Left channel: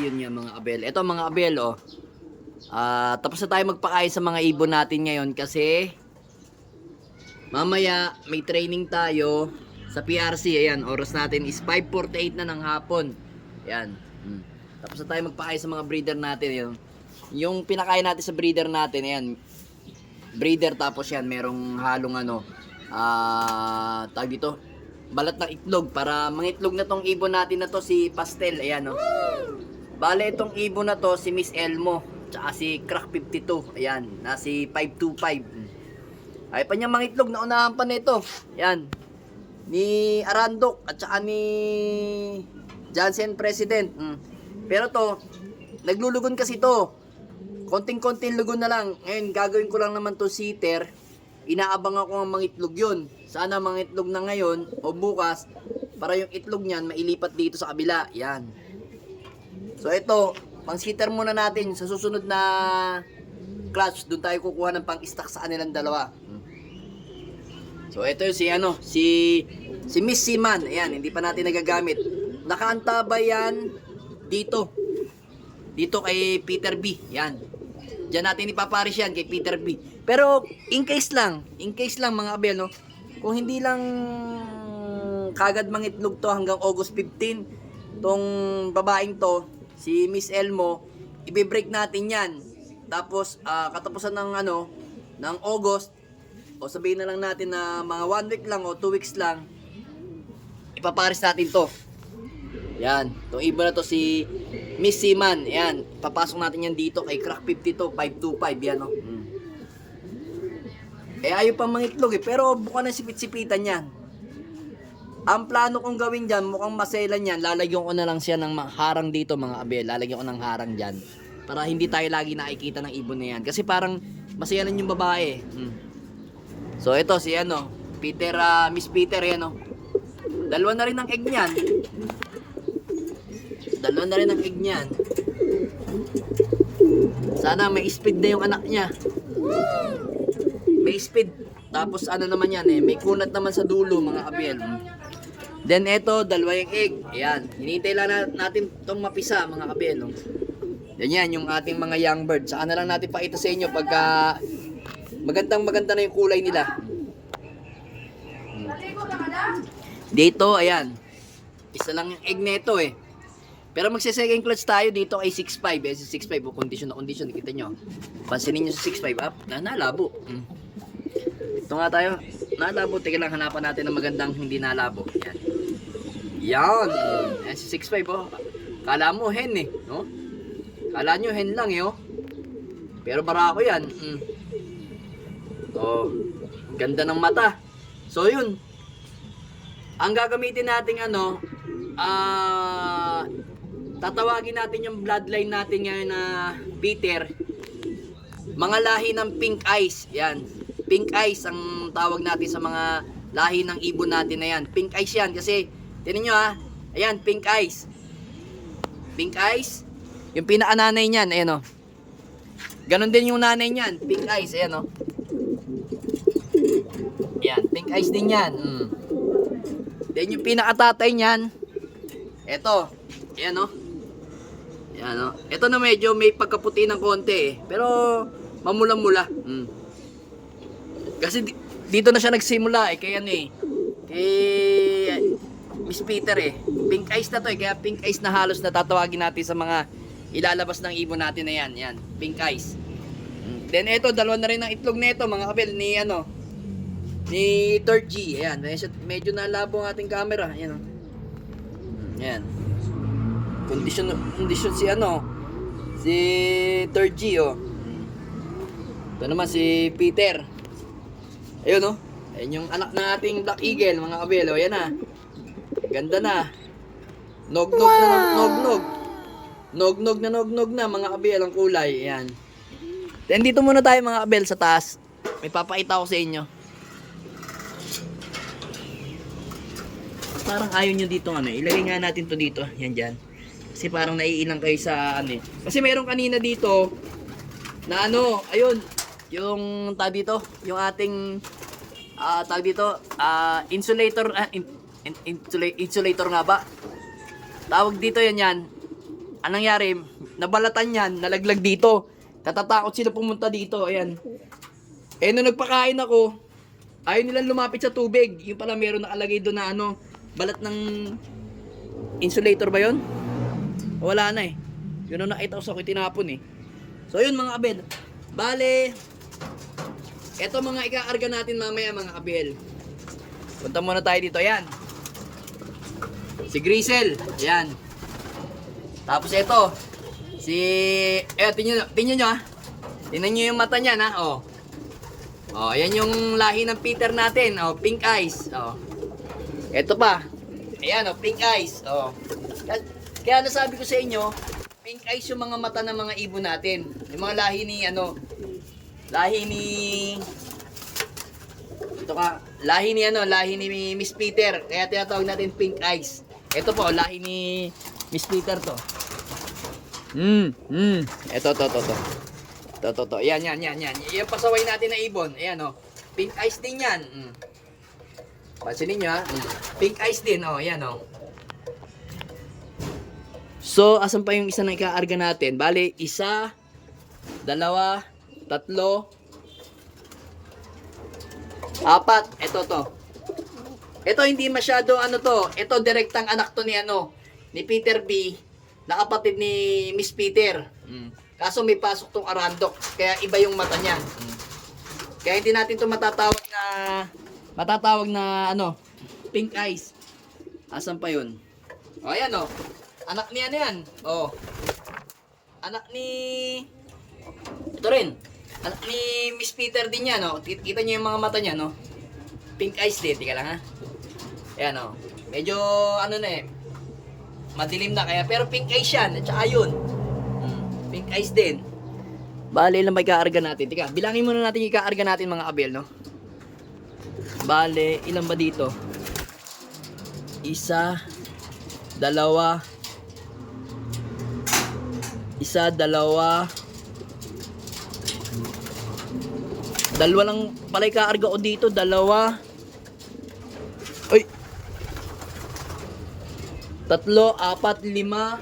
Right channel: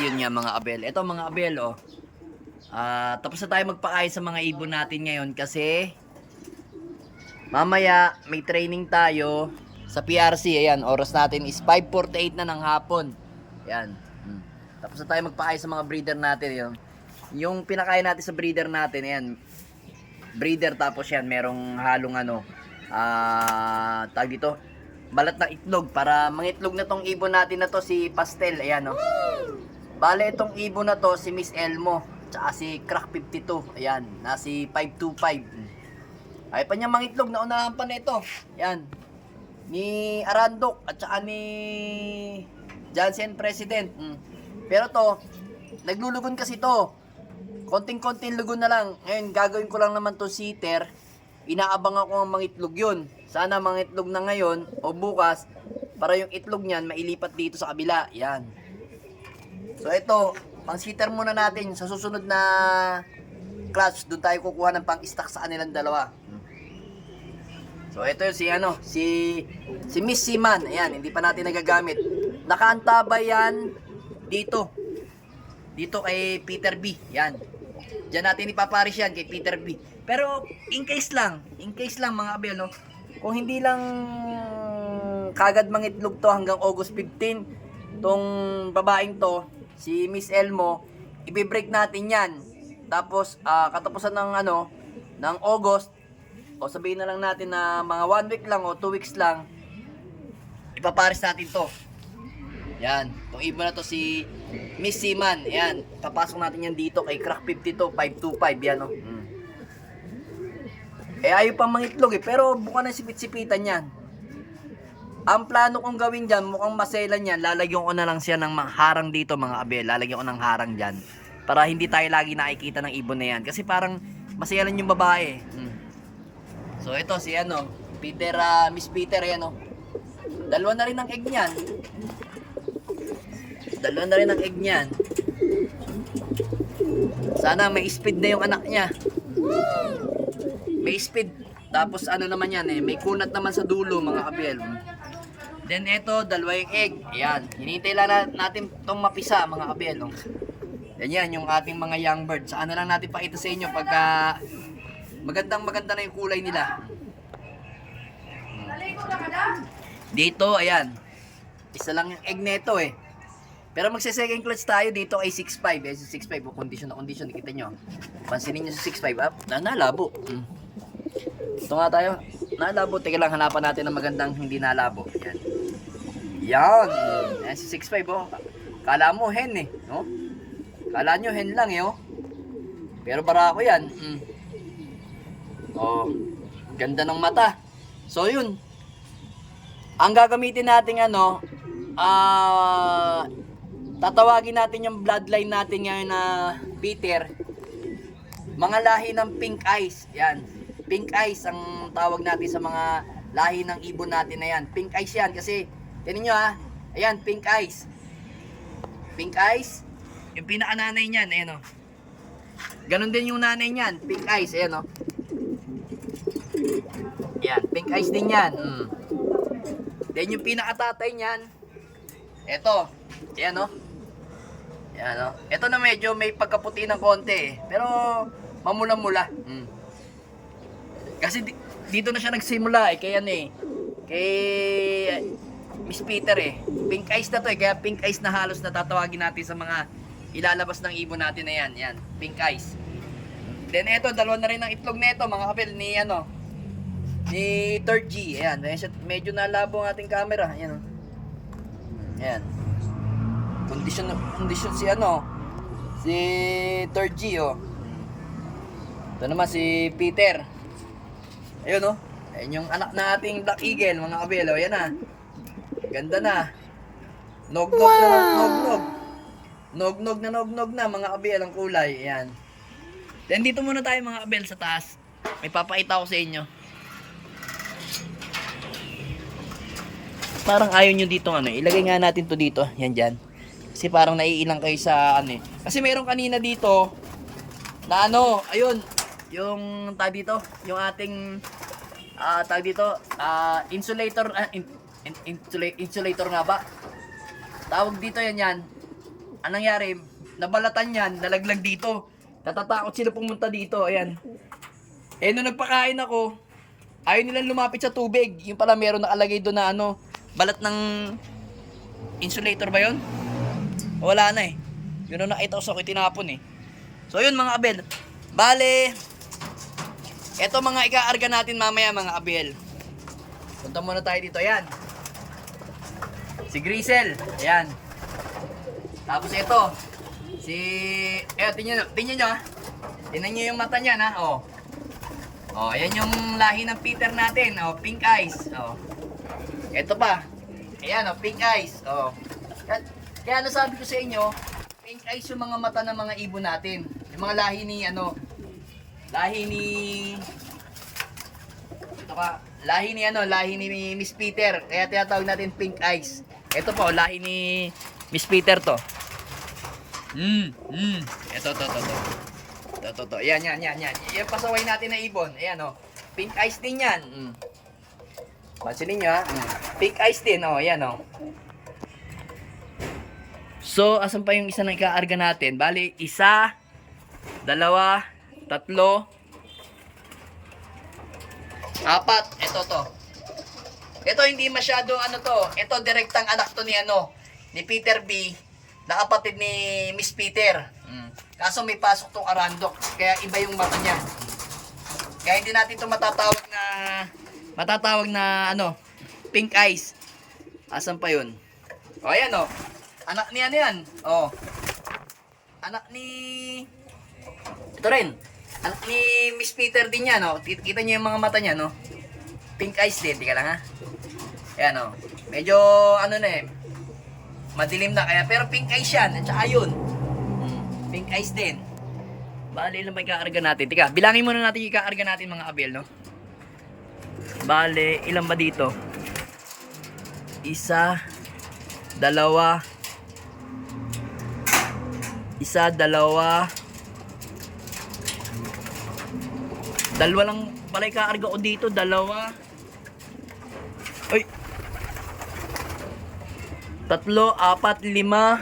yun nga mga abel. Ito mga abel, oh. Tapos na tayo magpakain sa mga ibon natin ngayon kasi mamaya may training tayo sa PRC. Ayan, oras natin is 5:48 na ng hapon. Ayan. Tapos na tayo magpakain sa mga breeder natin. Yun. Yung pinakain natin sa breeder natin, ayan. Breeder tapos yan, merong halong ano, tag dito, balat ng itlog para mangitlog na tong ibon natin na to si Pastel. Ayan, no. Bale itong ibon na to si Miss Elmo tsaka si Crack 52. Ayan, na si 525. Ay pa niya mangitlog na unahan pa nito. Ayan. Ni Arandok at saka ni Jansen President. Pero to, naglulugon kasi to. Konting-konting lugon na lang. Ngayon gagawin ko lang naman to sitter. Inaabang ako ng mangitlog yun. Sana mangitlog na ngayon o bukas para yung itlog niyan mailipat dito sa kabila. Yan. So ito, pang sitter muna natin. Sa susunod na clutch, doon tayo kukuha ng pang stock sa kanilang dalawa. So ito yung si Miss Seaman. Ayan, hindi pa natin nagagamit. Nakaantabay yan dito. Dito kay Peter B. Yan. Diyan natin ipaparis yan kay Peter B. Pero in case lang mga abel, no? Kung hindi lang kagad mangitlog to hanggang August 15, tong babaeng to, si Miss Elmo, i-break natin yan. Tapos katapusan ng August, o sabihin na lang natin na mga 1 week lang o 2 weeks lang, ipaparis natin to. Yan, itong ibon na to si Miss Seaman. Yan, papasok natin yan dito kay Crack 52, 525. Yan, no? Ayaw pang mangitlog eh, pero buka na sipit-sipitan yan. Ang plano kong gawin dyan, mukhang maselan yan, lalagyan ko na lang siya ng harang dito mga abel. Lalagyan ko ng harang dyan para hindi tayo lagi nakikita ng ibon na yan. Kasi parang maselan yung babae. So ito si Peter, Miss Peter, yan, no? Dalawa na rin ang egg niyan. Sana may speed na yung anak niya. May speed. Tapos naman yan may kunat naman sa dulo mga abel. Then ito, dalawa yung egg. Ayan. Hinihintay lang natin itong mapisa mga abel. No? Yan yung ating mga young bird. Saan na lang natin pakita sa inyo pagka maganda na yung kulay nila. Dito, ayan. Isa lang yung egg neto eh. Pero magse-second clutch tayo dito kay 6.5. Si 6.5 condition na condition, nakita nyo. Pansinin nyo sa 6.5 up, nalabo. Ito nga tayo, nalabo. Teka lang, hanapan natin ng magandang hindi nalabo. Yan. Yan. Ayan si 6.5 oh. Kala mo hen eh, no? Kala nyo hen lang eh oh. Pero barako yan. Oh, ganda ng mata. So yun. Ang gagamitin natin tatawagin natin yung bloodline natin ngayon na Peter. Mga lahi ng pink eyes. Yan. Pink eyes ang tawag natin sa mga lahi ng ibon natin na yan. Pink eyes yan kasi, tinan nyo ayan, pink eyes. Pink eyes. Yung pinakananay niyan, ayan o. Ganon din yung nanay niyan, pink eyes, ayan o. Yan, pink eyes din yan. Then yung pinakatatay niyan, eto, ayan o. Yan, no? Ito na medyo may pagkaputi ng konti eh. Pero mamula-mula. Kasi dito na siya nagsimula eh. Kaya kay Miss Peter eh. Pink eyes na to eh. Kaya pink eyes na halos natatawagin natin sa mga ilalabas ng ibon natin na yan. Yan, pink eyes. Then ito, dalawa na rin ang itlog nito mga kapil ni ni 3G. Ayan, medyo nalabo ang ating camera. Ayan o. Ayan. Condition si 3G oh. Ito naman si Peter. Ayun oh. Ayun yung anak na ating Black Eagle mga kabel oh. Yan na. Ganda na. Nog-nog na mga kabel ang kulay. Ayan. Then dito muna tayo mga kabel sa taas. May papakita ko sa inyo. Parang ayaw nyo dito ilagay nga natin to dito. Yan dyan. Kasi parang naiilang kayo sa Kasi meron kanina dito na ayun, yung tag dito, yung ating tag dito, insulator, insulator nga ba? Tawag dito yan. anong nangyari? Nabalatan yan, nalaglag dito. Natatakot sila pumunta dito, ayan. Eh, nung nagpakain ako, ayaw nilang lumapit sa tubig. Yung pala meron nakalagay doon na ano, balat ng insulator ba yun? Wala na eh. Yun ang nakita ko sa akin, tinapon eh. So yun mga abel. Bale, eto mga ika-arga natin mamaya mga abel. Punta muna tayo dito, ayan. Si Grisel, ayan. Tapos ito, tingnan nyo ha. Tingnan nyo yung mata niya ha, oh. Oh, ayan yung lahi ng Peter natin, oh, pink eyes, oh. Ito pa, ayan oh, pink eyes, oh. Kaya nasabi ko sa inyo, pink eyes yung mga mata ng mga ibon natin. Yung mga lahi ni, lahi ni Miss Peter. Kaya tinatawag natin pink eyes. Ito po, lahi ni Miss Peter to. Ito. Yan. Yung pasaway natin na ibon. Ayan oh. Pink eyes din yan. Pansinin nyo ha. Pink eyes din, oh. Yan oh. So, asan pa yung isa na ika-arga natin? Bali, 1, 2, 3, 4. Ito to. Ito hindi masyado to. Ito direktang anak to ni Peter B. Na kapatid ni Miss Peter. Kaso may pasok tong arandok. Kaya iba yung mata niya. Kaya hindi natin to matatawag na pink eyes. Asan pa yun? O, ayan o. Anak ni yan. O. Anak ni... Ito rin. Anak ni Miss Peter din yan, no? Kita niyo yung mga mata niya, no? Pink eyes din, tika lang ha. Ayan, no? Medyo, madilim na kaya, pero pink eyes yan, at saka yun. Pink eyes din. Bale, ilang may kaarga natin? Tika, bilangin muna natin yung kaarga natin mga abel, no? Bale, ilan ba dito? 1, 2, 1, 2, 2 lang pala ikaarga ko dito, 2. Ay. 3, 4, 5.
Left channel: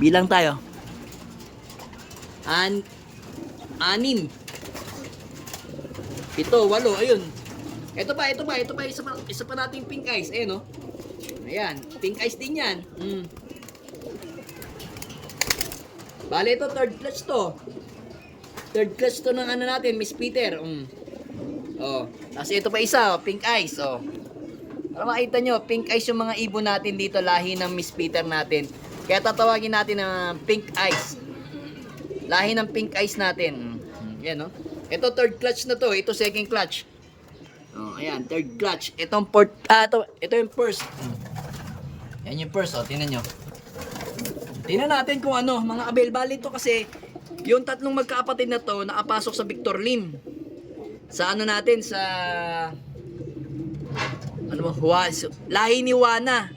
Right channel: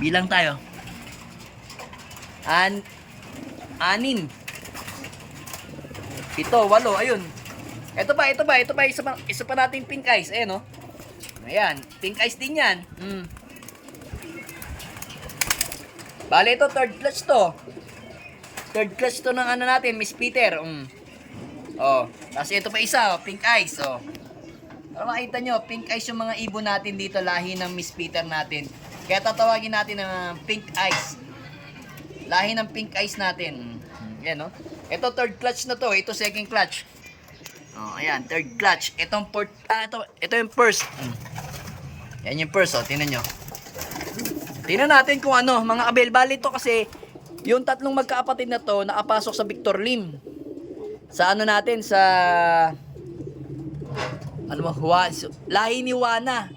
Bilang tayo. 6, 7, 8, ayun. Ito pa, isa pa nating pink eyes, ayan oh. Ayan, pink eyes din yan. Bale ito, third clutch to. Third clutch to ng natin, Miss Peter. Oh, tapos ito pa isa, pink eyes, oh. Para makita nyo, pink eyes yung mga ibon natin dito, lahi ng Miss Peter natin. Kaya tatawagin natin na pink eyes. Lahi ng pink eyes natin. Yan, oh. Ito third clutch na to, ito second clutch. Oh, ayan, third clutch. Itong fourth, ito yung first. Yan yung first, oh, tingnan nyo. Tingnan natin kung mga abel. Bali to kasi yung tatlong magkaapatid na to nakapasok sa Victor Lim. Sa natin sa lahi ni Juana.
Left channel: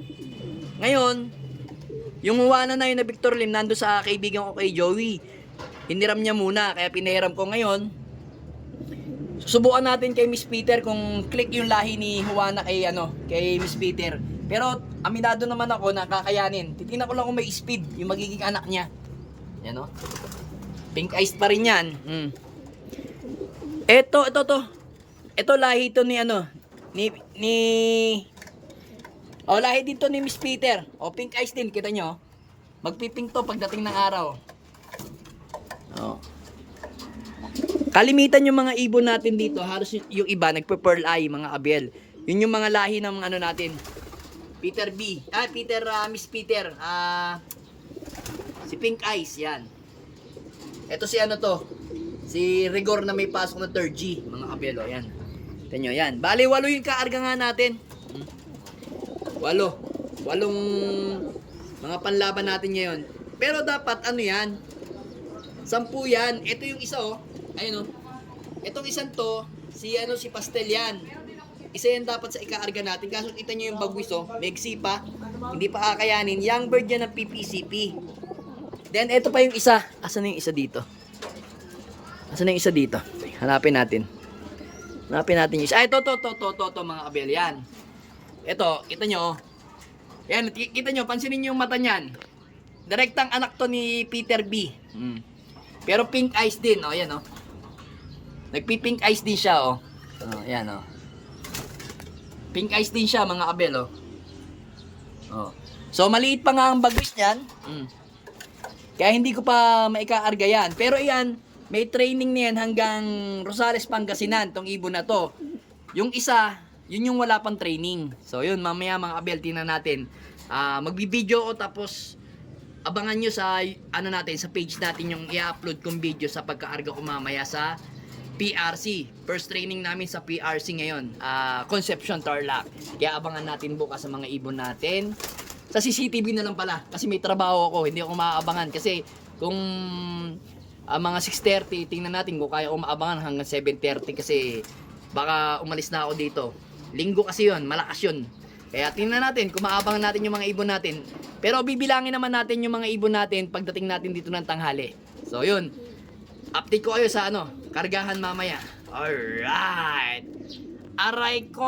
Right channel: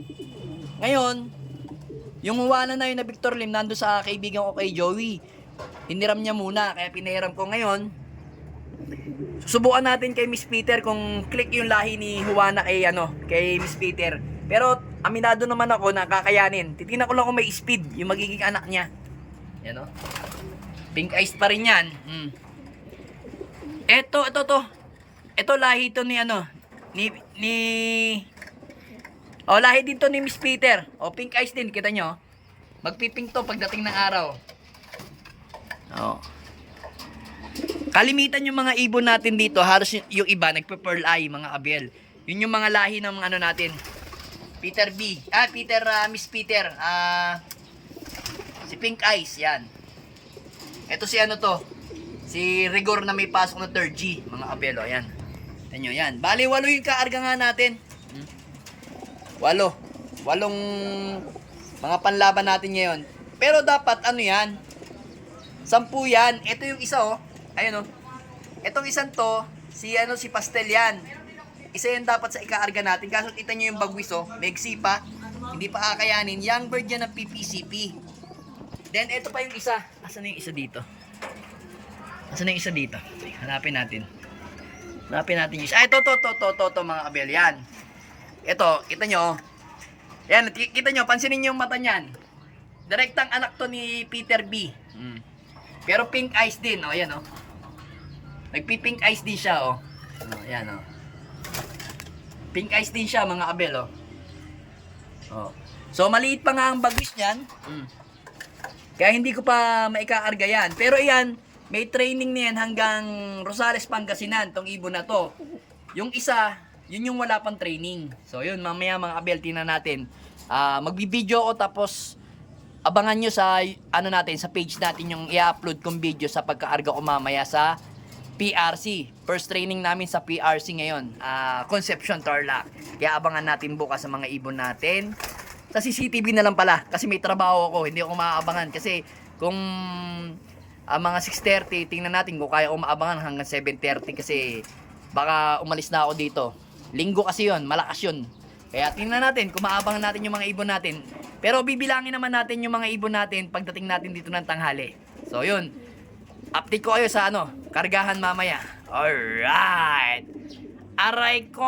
Ngayon, yung Juana na yun na Victor Lim nando sa kaibigan ko kay Joey. Hiniram niya muna kaya pinahiram ko ngayon. Susubukan natin kay Miss Peter kung click yung lahi ni Juana kay Miss Peter. Pero aminado naman ako na kakayanin. Titingnan ko lang kung may speed yung magiging anak niya. Yan o. Pink eyes pa rin yan. Ito lahi to ni lahi din to ni Miss Peter. O, pink eyes din, kita nyo. Magpipink to pagdating ng araw. O. Kalimitan yung mga ibon natin dito, halos yung iba nagpe-pearl eye, mga abel. Yun yung mga lahi ng natin. Miss Peter, si pink eyes, yan. Ito si si Rigor na may pasok na 3G, mga kabelo, yan. Tignan nyo, yan. Bali, 8 yung kaarga nga natin. 8 mga panlaban natin ngayon. Pero dapat, yan? 10 yan. Ito yung isa, oh. Ayun, oh. Itong isang to, si Pastel yan. Isa yan dapat sa ikaarga natin. Kaso kita nyo yung bagwis, oh. Megsi pa. Hindi pa kakayanin. Young bird yan ng PPCP. Then, ito pa yung isa. Asan na yung isa dito? Hanapin natin yung isa. Ito, mga kabel. Yan. Ito, kita nyo, oh. Yan, kita nyo, pansinin nyo yung mata niyan. Direktang anak to ni Peter B. Pero pink eyes din, oh, yan, oh. Nagpi-pink eyes din siya, oh. Oh, yan, oh. Pink eyes din siya, mga kabel, oh. Oh. So, maliit pa nga ang bagwis niyan. Kaya hindi ko pa maikaarga yan. Pero iyan, may training niyan hanggang Rosales, Pangasinan, tong ibon na to. Yung isa, yun yung wala pang training. So, yun, mamaya mga kabel, tingnan natin. Magbibideo ko tapos abangan nyo sa ano natin, sa page natin yung i-upload kong video sa pagkaarga ko mamaya sa PRC. First training namin sa PRC ngayon, Concepcion Tarlac. Kaya abangan natin bukas sa mga ibon natin. Sa CCTV na lang pala kasi may trabaho ako, hindi ako maaabangan kasi kung mga 6:30 tingnan natin kung kaya ako maabangan hanggang 7:30 kasi baka umalis na ako dito. Linggo kasi yon, malakas yun. Kaya tingnan natin kung maabangan natin yung mga ibon natin. Pero bibilangin naman natin yung mga ibon natin pagdating natin dito ng tanghali. So yun, update ko kayo sa kargahan mamaya. Alright. Aray ko